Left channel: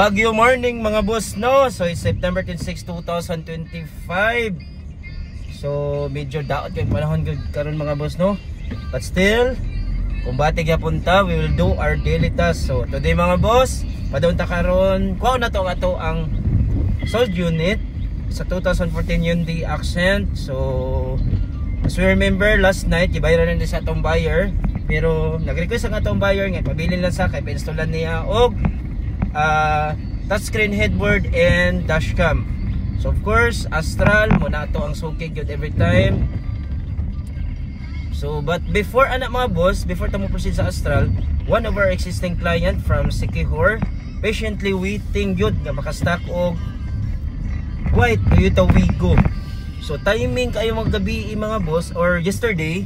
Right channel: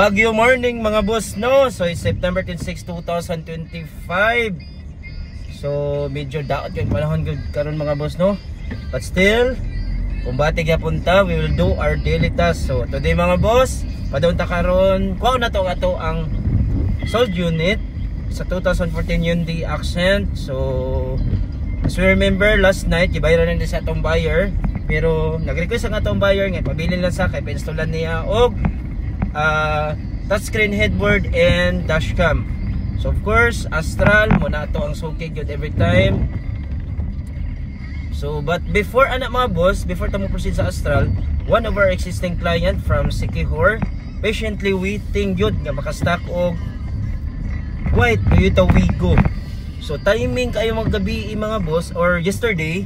Baguio morning mga boss, no? So it's September 26, 2025. So medyo daot yung panahon karon mga boss, no? But still, kung bati punta, we will do our daily task. So today mga boss, padunta karon, kuha na to ato ang sold unit sa 2014 Hyundai Accent. So as we remember last night, gibayaran na sa atong buyer, pero nag-request ang atong buyer nga pabilin lang sa kay pa-installan niya og touchscreen headboard and dashcam. So of course, Astral muna ito ang sukig yun every time. So but before anak mga boss, before tamo proceed sa Astral, one of our existing client from Sikihor patiently waiting yun nga makastock og white Toyota Wigo. So timing kayo maggabi mga boss, or yesterday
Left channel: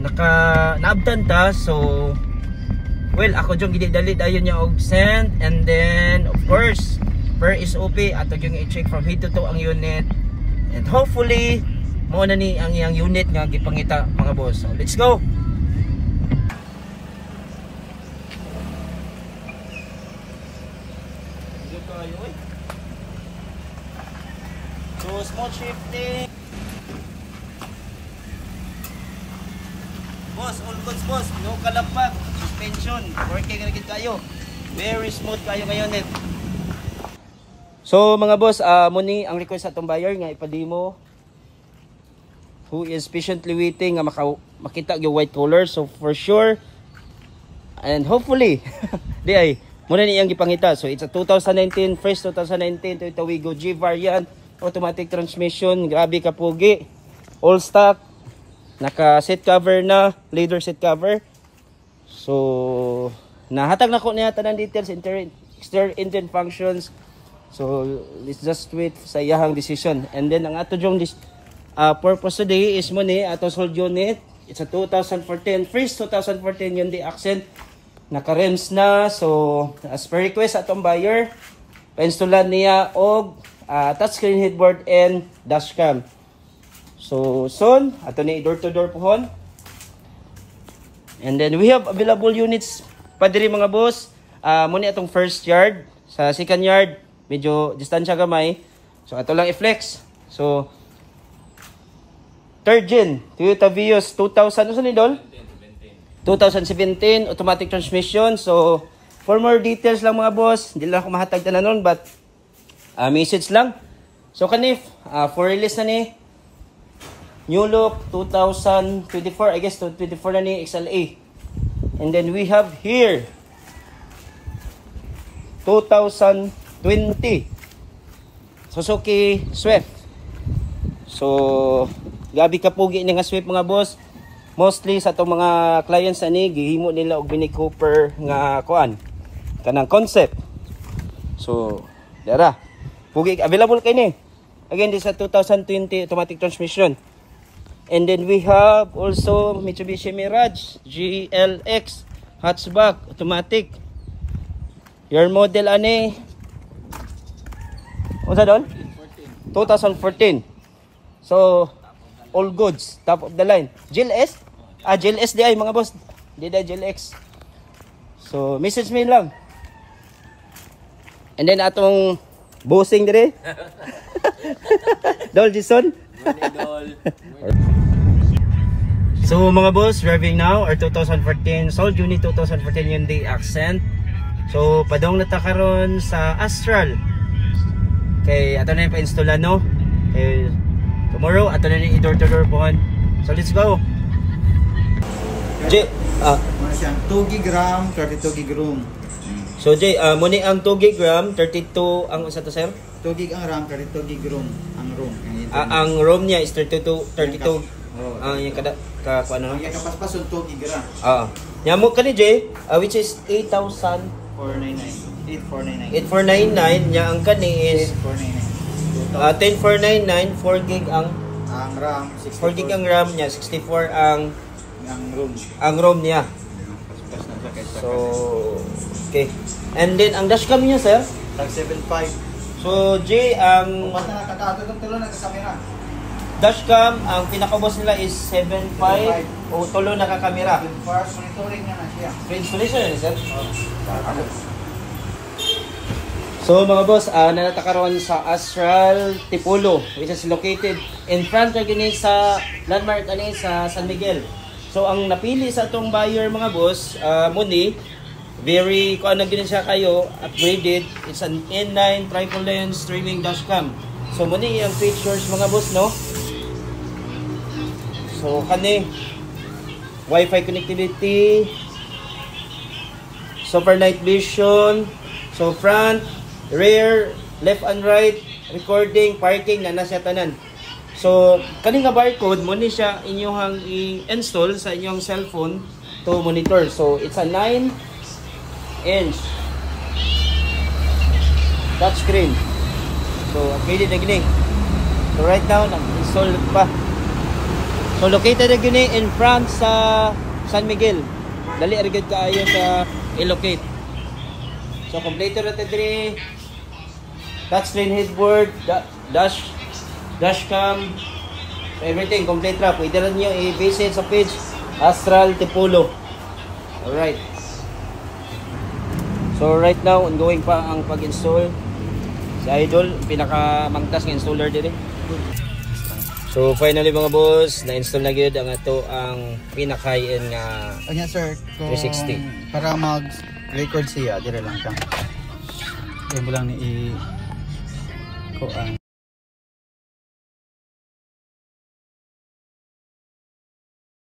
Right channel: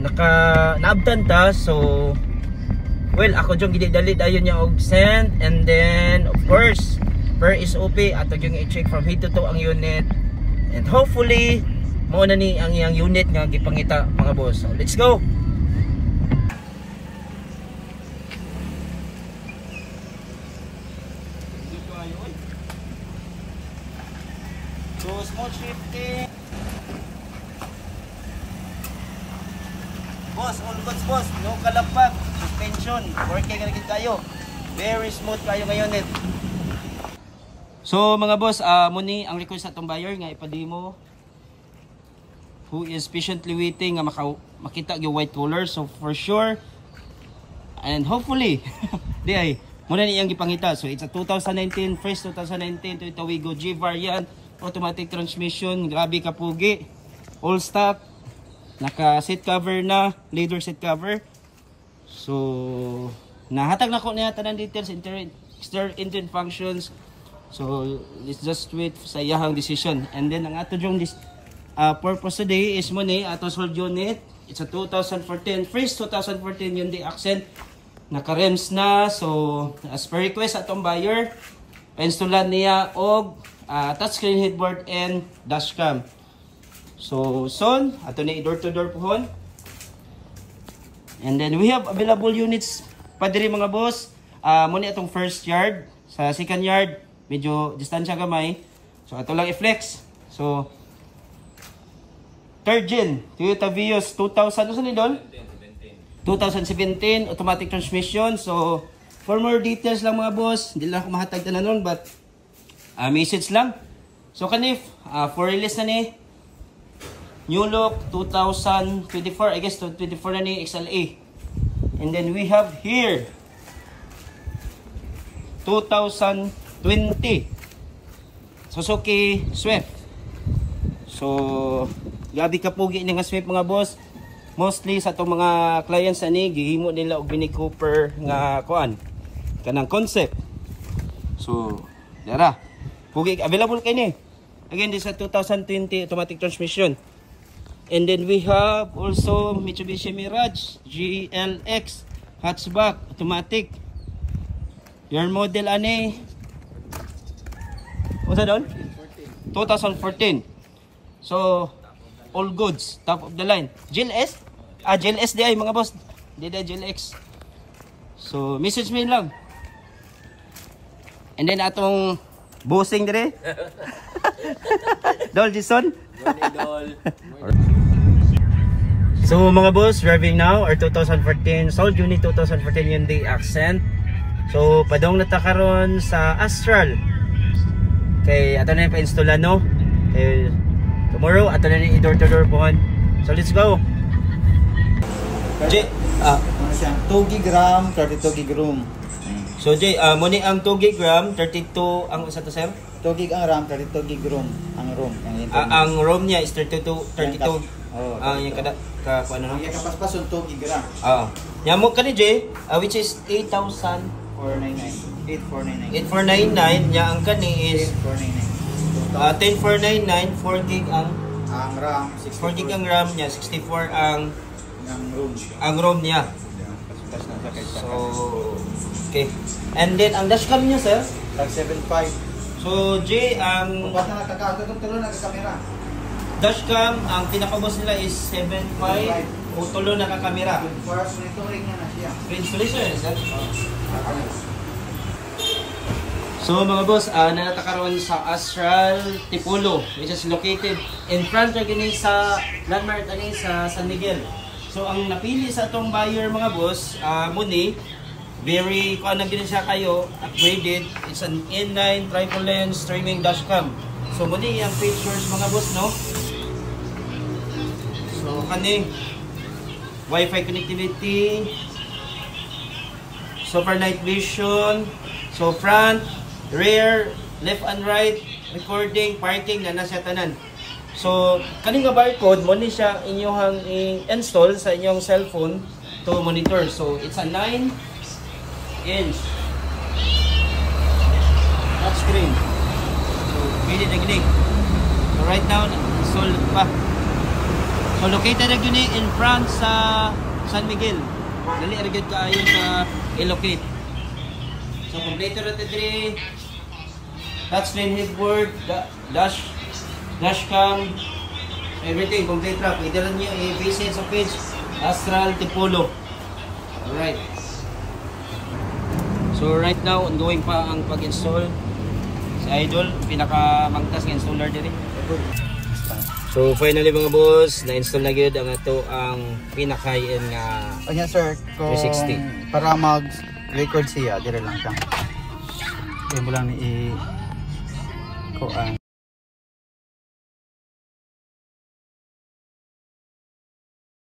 naabtan ta. So well, ako yung gididali dayon niya og send, and then of course per SOP ato yung i-check from head to toe ang unit, and hopefully mao na ni ang iyang unit nga gipangita mga boss. So let's go. So small shifting. Boss, all goods boss, no kalapag, suspension, working na gid kayo. Very smooth kayo ngayon net. So mga boss, muni ang request sa atong buyer nga ipademo, who is patiently waiting nga makita yung white color. So for sure and hopefully di ay muna niyang gipangita. So it's a 2019, fresh 2019 Toyota Wigo G variant, automatic transmission, grabe ka pugi, all stock, naka seat cover na, leather seat cover. So nahatag na ko niya tanan details, exterior engine functions. So let's just wait sa iyahang decision. And then ang ato yung purpose today is mo ni ato sold unit. It's a 2014, fresh 2014 Hyundai Accent, naka rims na. So as per request atong buyer, pa-installan niya og touchscreen headboard and dashcam. So soon ato ni door to door pohon. And then we have available units pa diri mga boss. Muna atong first yard, sa second yard medyo distansya gamay, so ato lang i-flex. So third gen Toyota Vios 2000 ano ni Dol? 2017 automatic transmission. So for more details lang mga boss, hindi lang ako mahatag tanan but message lang. So kanif for release na ni new look 2024, I guess 2024 na ni XLA. And then we have here 2020 Suzuki Swift. So gabi ka pugi nga Swift mga boss. Mostly sa itong mga clients ani gihimo nila og Mini Cooper nga kuan kanang concept. So dara pugi available kay ni. Again this is 2020 automatic transmission. And then we have also Mitsubishi Mirage GLX hatchback automatic. Your model ani what's that on? 2014. So all goods, top of the line. GLS? GLS di ay mga boss. Di da GLX. So message me lang. And then atong bossing dire. Dol Jason. Dol. So mga boss, driving now our 2014 sold unit 2014 Hyundai Accent. So padong nata karon sa Astral. Kay ato na yung pa-installan no. Tomorrow ato na yung door to door pohon. So let's go. J 2 gig RAM, 32 gig room. So J, muni ang 2 gig RAM, 32 ang isa to sir? 2 gig ang RAM, 32 gig room ang room. Ang ROM niya is 32. Yung kada ano? Yung kapaspas yung 2 gig RAM. Oo. Nyamo ka ni J, which is 8,499. 8,499 niya ang kani is 8,499. 10,499, 4 gig ang RAM, 4 gig ang RAM niya, 64 ang room. Ang ROM niya. So okay. And then ang dashcam niya sir, tag 7.5. So J, basta nakakato ng tulo na sa camera. Dashcam, ang pinaka-boss nila is 7.5 o tulo nakakamera. First monitoring na siya. Screen solution, sir? So mga boss, natakaroon sa Astral Tipolo, which is located in front of gini sa landmark ani sa San Miguel. So ang napili sa itong buyer mga boss, muni, very kung ano gini siya kayo, upgraded. It's an N9 triple lens streaming dashcam. So muni yung features mga boss, no? So kani Wi-Fi connectivity, super night vision, so front, rear, left and right, recording, parking na nasa tanan. So kani nga barcode mo ni siya inyong install sa inyong cellphone to monitor. So it's a 9-inch touchscreen. So pwede na gini. So right now install pa. So located na gini in front sa San Miguel. Dali arigid kaayo sa i-locate. So complete na diri. Touchscreen headboard, dashcam, everything complete na. Pwede lang niya i-visit sa page Astral Tipolo. Alright. So right now ongoing pa ang pag-install. Si Idol pinakamangtas nga installer diri. So finally mga boss, na-install na gyud ang ato ang pinaka-high-end nga Anya sir, kung 360. para mag-record siya, dire lang siya. Kaya mo lang ni